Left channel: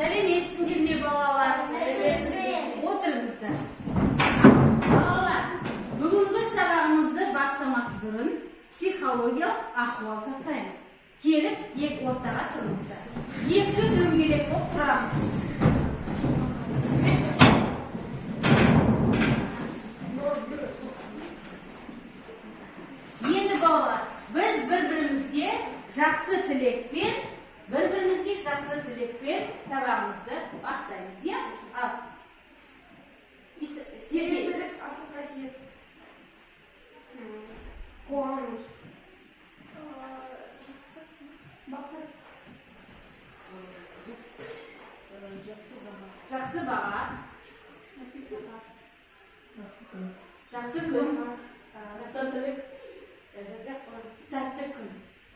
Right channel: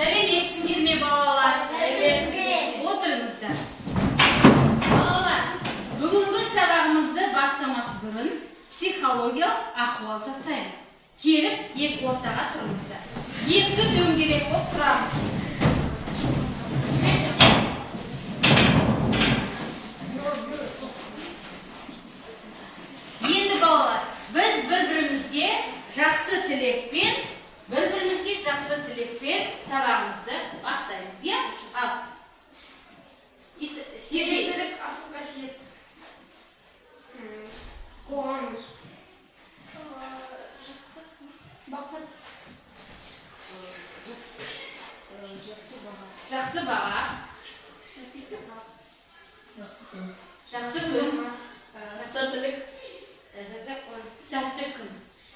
Сәлеметсіңдер ме балалар? Отырыңыздар. Балалар, бүгінгі сабағымызды бастамас бұрын психологиялық ахуал жасаймыз. Келіп, екі ортаға тұрыңыздар. Екі дөңгелек болып тұрамыз. Енді балалар, біз бір-бірімізге жақсы тілекпен сабағымызды бастаймыз, иә? Ал. Сергейлік, асыл қасиет. Қуаныш. Жақсы баға. Жақсы күн. Сәтті күн.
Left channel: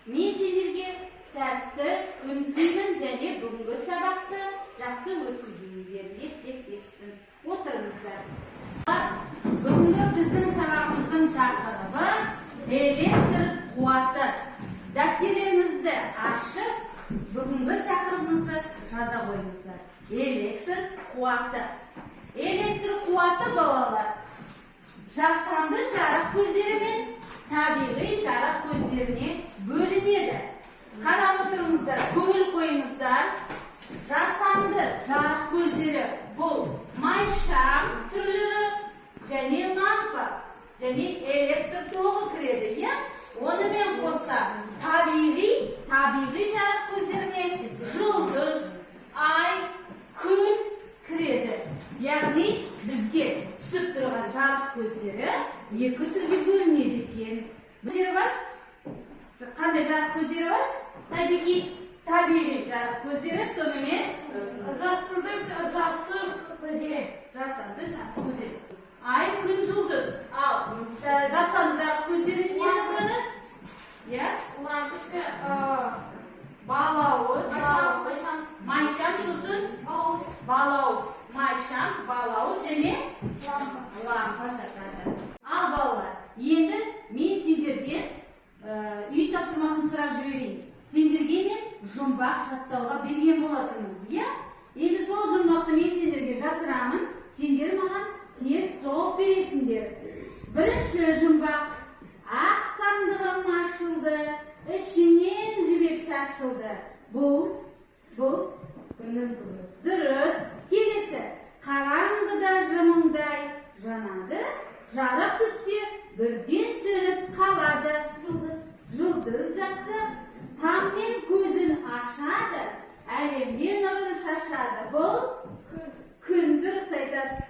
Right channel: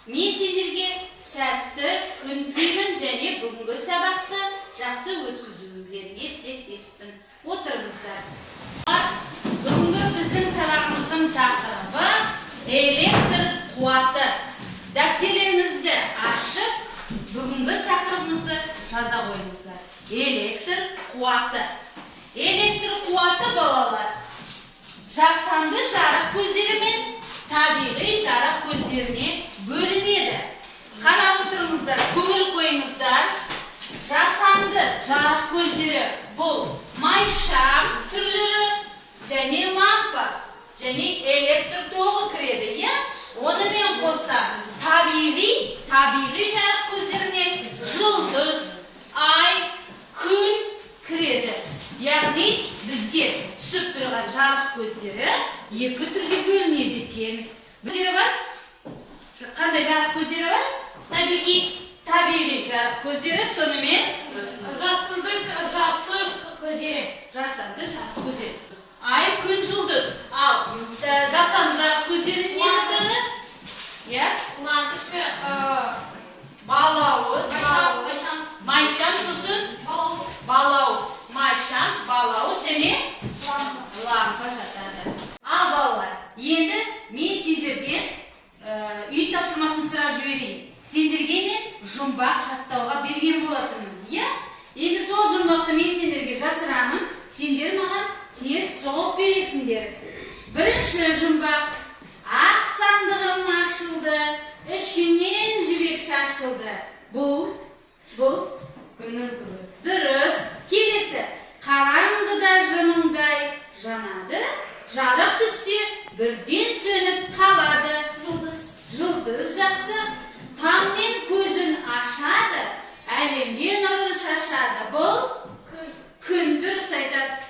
Мен сендерге сәтті күн деймін және бүгінгі сабақты жақсы өткізулеріңе тілектеспін. Отырыңыздар. Бүгінгі біздің сабағымыздың тақырыбы электр қуаты. Дәптерлеріңізді ашып, бүгінгі тақырыбымызды жаза қойыңыздар. Электр қуаты. Электр қуаты, балалар, жасанды жарық көздері мен табиғи жарық көздеріне бөлінеді. Қарап отырыңыздар, көңіл қойыңыздар. Жасанды жарық көздері бұл майшам түрлері және лампа және электр тоғы кіреді, иә? Онымен қоса табиғи жарық көздеріне жұлдыз, ай, күн кіреді. Яғни бізге түсіп тұрған жарық көздері екі түрге бөлінеді екен. Көздері бар? Қандай жарық көздері бар? Табиғи жарық көздері, сонымен жасанды жарық көздері. Ай, күн, жұлдыз. Ал жасанды жарық көздері не жатады? Иә? Балауыз, майшам, сосын балауыз, майшам, балауыз және лампа жатады. Ал балалар, енді мен сендерден үй тапсырмасын сұрап жіберейін. Сендерге мен жұмбақ жаттауға берген болатынмын, иә? Енді сол жұмбақты мен сендерге жасырамын, сендер маған тез жауап бересіңдер. Бірінші жұмбақ: ақ сандығым ашылды, ішінен жібек шашылды. Бұл күннің қызы. Дұрыс. Келесі: қараңғыда жымыңдай жанады, жарық түссе бірден сөніп қалады. Жұлдыз жақсы. Таңмен көзін ашады, әлемге нұрын шашады. Бұл күн. Дұрыс айтады.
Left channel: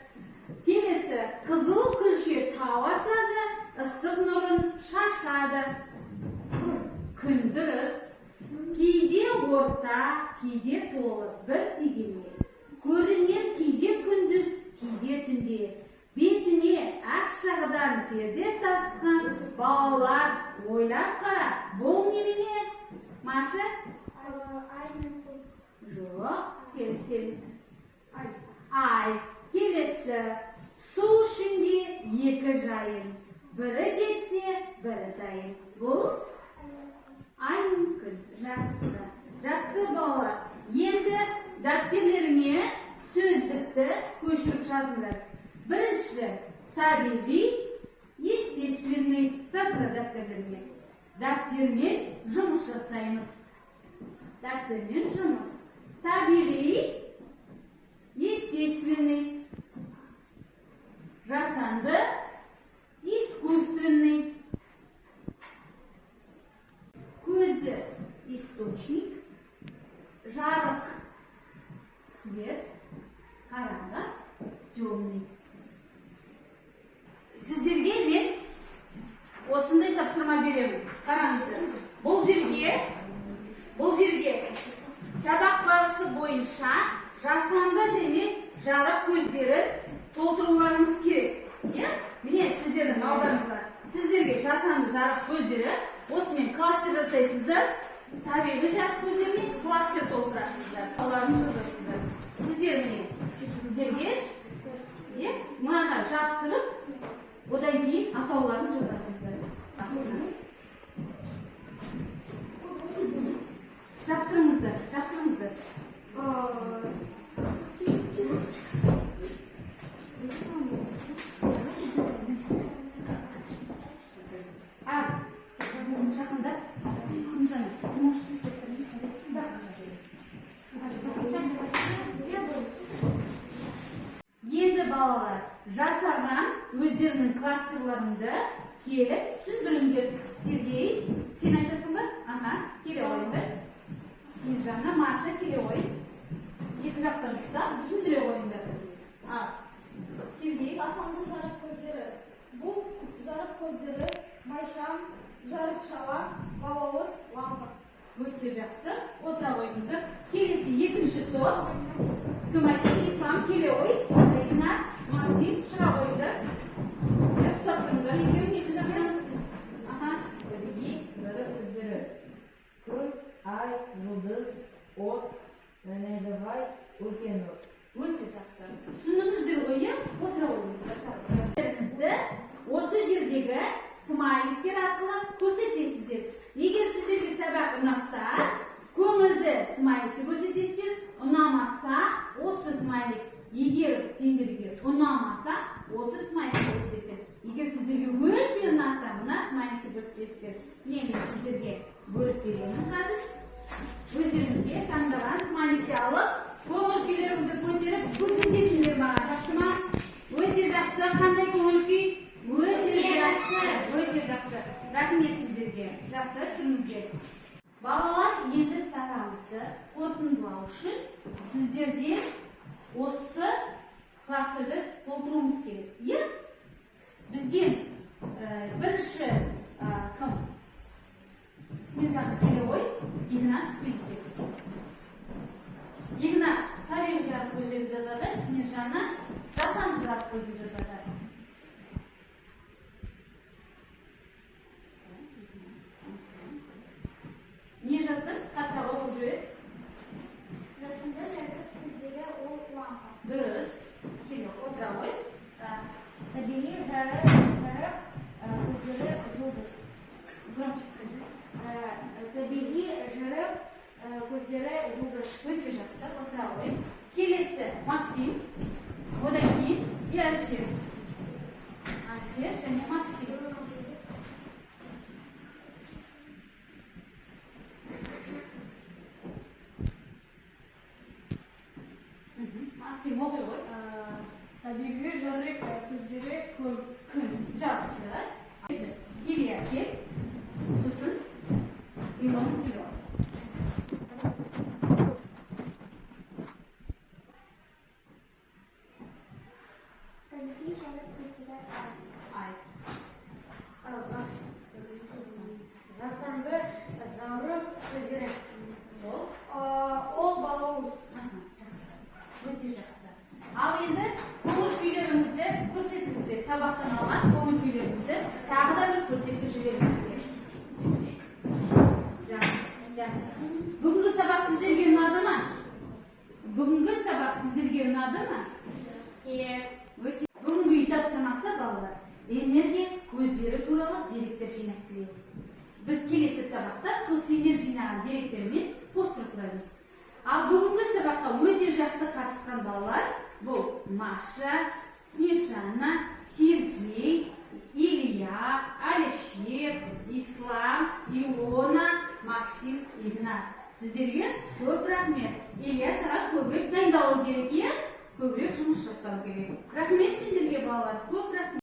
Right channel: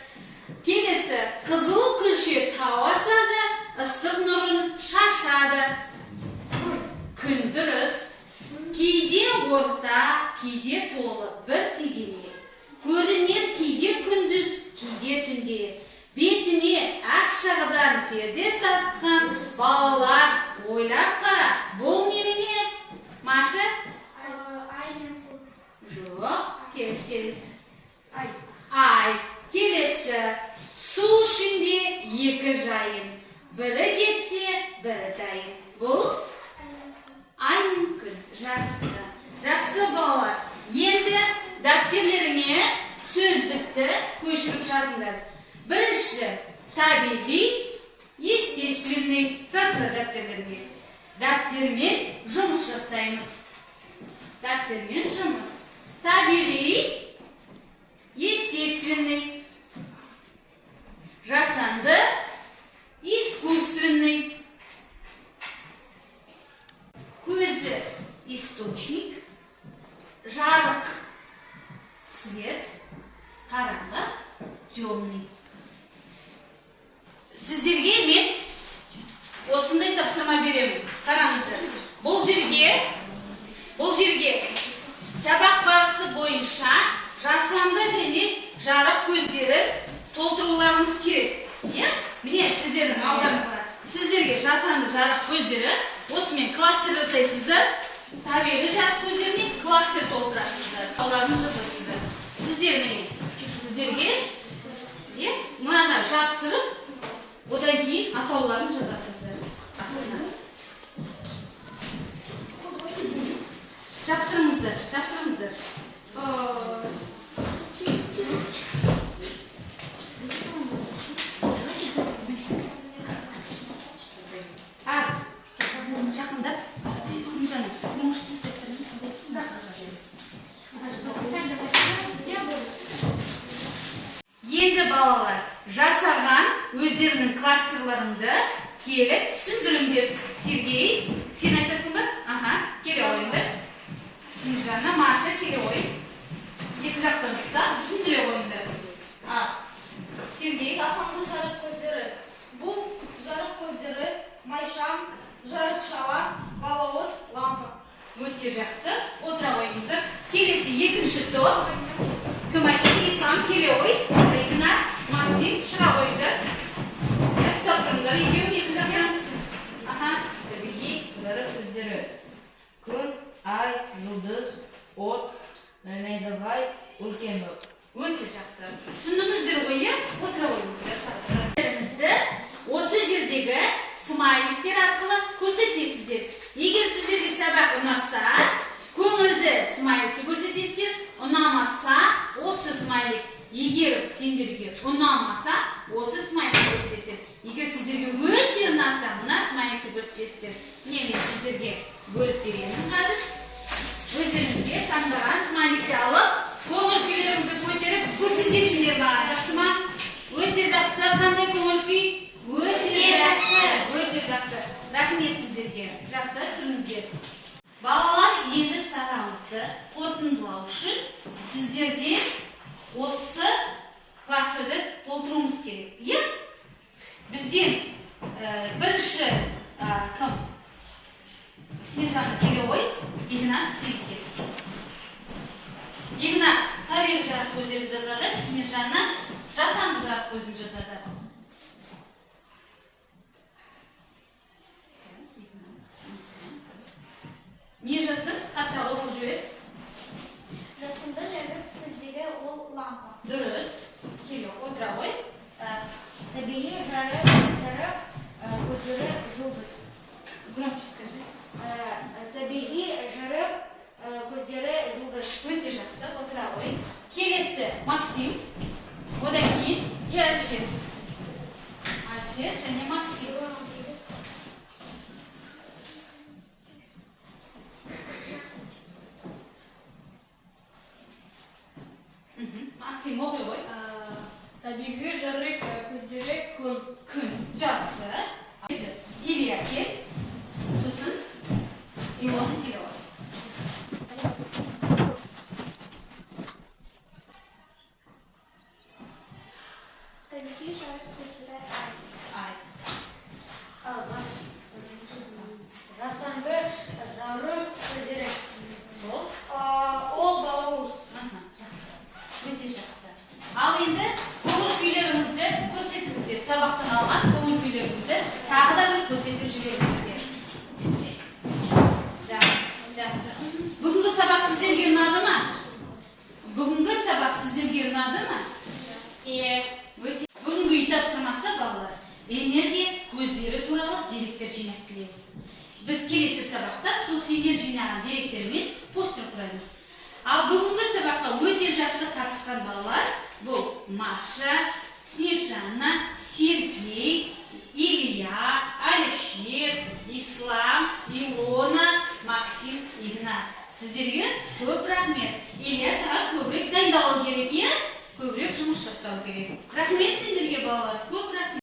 Келесі: қызыл күлше тау асады, ыстық нұрын шашады. Күн. Дұрыс. Кейде орта, кейде толы бір тегене. Көрінер кейде күндіз, кейде түнде. Бетіне ақ шағыдан перде тартқан балалар, ойлап қара. Бұл немене? Маша? Ай мен күн. Жоқ. Келесі. Ай. Келесі: су ішінде екі жайын. Бірі кетсе, бірі дайын. Бұл ай мен күн. Жақсы балалар. Енді дәптерлеріңе сөздікті көшіріп жазыңдар. Бірінші: табиғи, естественный. Жазыңдар дәптерлеріңе. Дәптермен жұмыс жасаймыз. Дәптермен жұмыс. Табиғи, естественный. Жасанды, искусственный. Көзі источник, жарық свет, қараңғы темный. Сіздерге мен осындай тапсырма беремін. Қараңыздар. Бұл жерге сабақ барысы бойынша жасанды және жарық көздері толтыруларыңыз керек. Міне сіздердің алдарыңызға. Сіздерге жасанды жарық көздері осымен кластер жасайсыздар. Табиғи жарық көздеріне кластер толтырасыздар. Оларын жазасыздар. Сіздер міне, сіздерге мынаны жапсырып, одан кейін атауларын жазасыздар. Тапсырыңыздар. балалар жасаған өздерінің кластерларыңды келіп түсіндіріңдер. Сергей, сен айтасың ба? Аха, келе ойыңдар. Снежана, Маша, келе ойың. Екі жақтан ұстап, түсіндіре ойыңдар. Сергей. Жасанды жарық көздері. Бұл жарық көздері майшам, жарық шала, балауыз, лампа. Өте жақсы. Отыра ойыңыздар. Келесі екінші топ. Кім айтты? Ислам, келе ой. Игнат, Максим, шыға ойыңдар. Ұстап тұрыңдар. Екеуі екі жақтан. Табиғи жарық көздері. Күн, ай, жұлдыз, от, найзағай, үлкен от. Өте жақсы. Түсіндіңіздер ғой, иә? Отыра ойыңыздар. Жақсы. Осы жердегі смайликтер арқылы көрсетесіздер. Егер сіздерге сабақ ұнаса, көңілді смайликті көрсетесіздер. Ұнамаса, осы смайлик. Егер сендерге ұнамаса, осы смайликті көрсетесіздер. Егер сіздерге өте ұнаса, мына смайликті көрсетесіздер. Мен сіздерге бөліп беремін қазір. Өздеріңізге таңдаған смайликті алып, көңіл күйлеріңізді көтеріп көрсетесіңдер маған. Жақсы ма? Өте жақсы. Қандай көңіл күй? Өте жақсы. Өте жақсы. Рахмет сіздерге. Жақсы, тұрыңыздар. Балалар, енді сабағымызды қорытындылау үшін сіздерде осы кластерді толтыруымыз керек. Иә? Бізден бірінші кім? Снежана, келе ой. Игнат, сізге. Игнат табиғи жарық көздерін жазады, Снежана жасанды жарық көзін жазады. Не жаздың? Қатырақ оқып жібер. Жасанды жарық көздері ол лампа. Дұрыс. Келе отыра ой. Табиғи жарық көздері жұлдыз. Громче скажи. Табиғи жарық көздері жұлдыз. Өте жақсы. Отыра ой. Келесі Максим. Одан кейін Әлішер. Әлішер және Максим. Максим оқи ғой. Табиғи жарық көздері күн. Күн. Жақсы. Илья кел. Сосын Илон келе ой. Табиғи жарық көздері ай. Жасанды жарық көздері ол балауыз. Жақсы. Өте жақсы. Ал енді көңіл күйлеріңізді көрсетіңіздер. Сабақтан алған көңіл күйлеріңізді тағы да бір көрсетіп жіберіңіздер. Жақсы. Бүгінгі сабақ сіздерге ұнады ма? Бүгінгі сабақ сіздерге ұнады ма? Иә. Бүгінгі үй тапсырмасы балалар энергия көздері туралы деректер жинап келеді. Біз келесі сабақта сол сендер жинаған деректермен постер құраймыз. Ал бүгінгі сабаққа өте жақсы қатысқан балалар бұл Маша, Снежана, Сергей, Илья, Әлішер, Ислам, Илона, Максим, Игнат. Сіздерге көп рахмет. Илья саған көбірек дайындалу керек, иә? Көбірек жұмыс жасау керек. Рахмет сендерге балалар.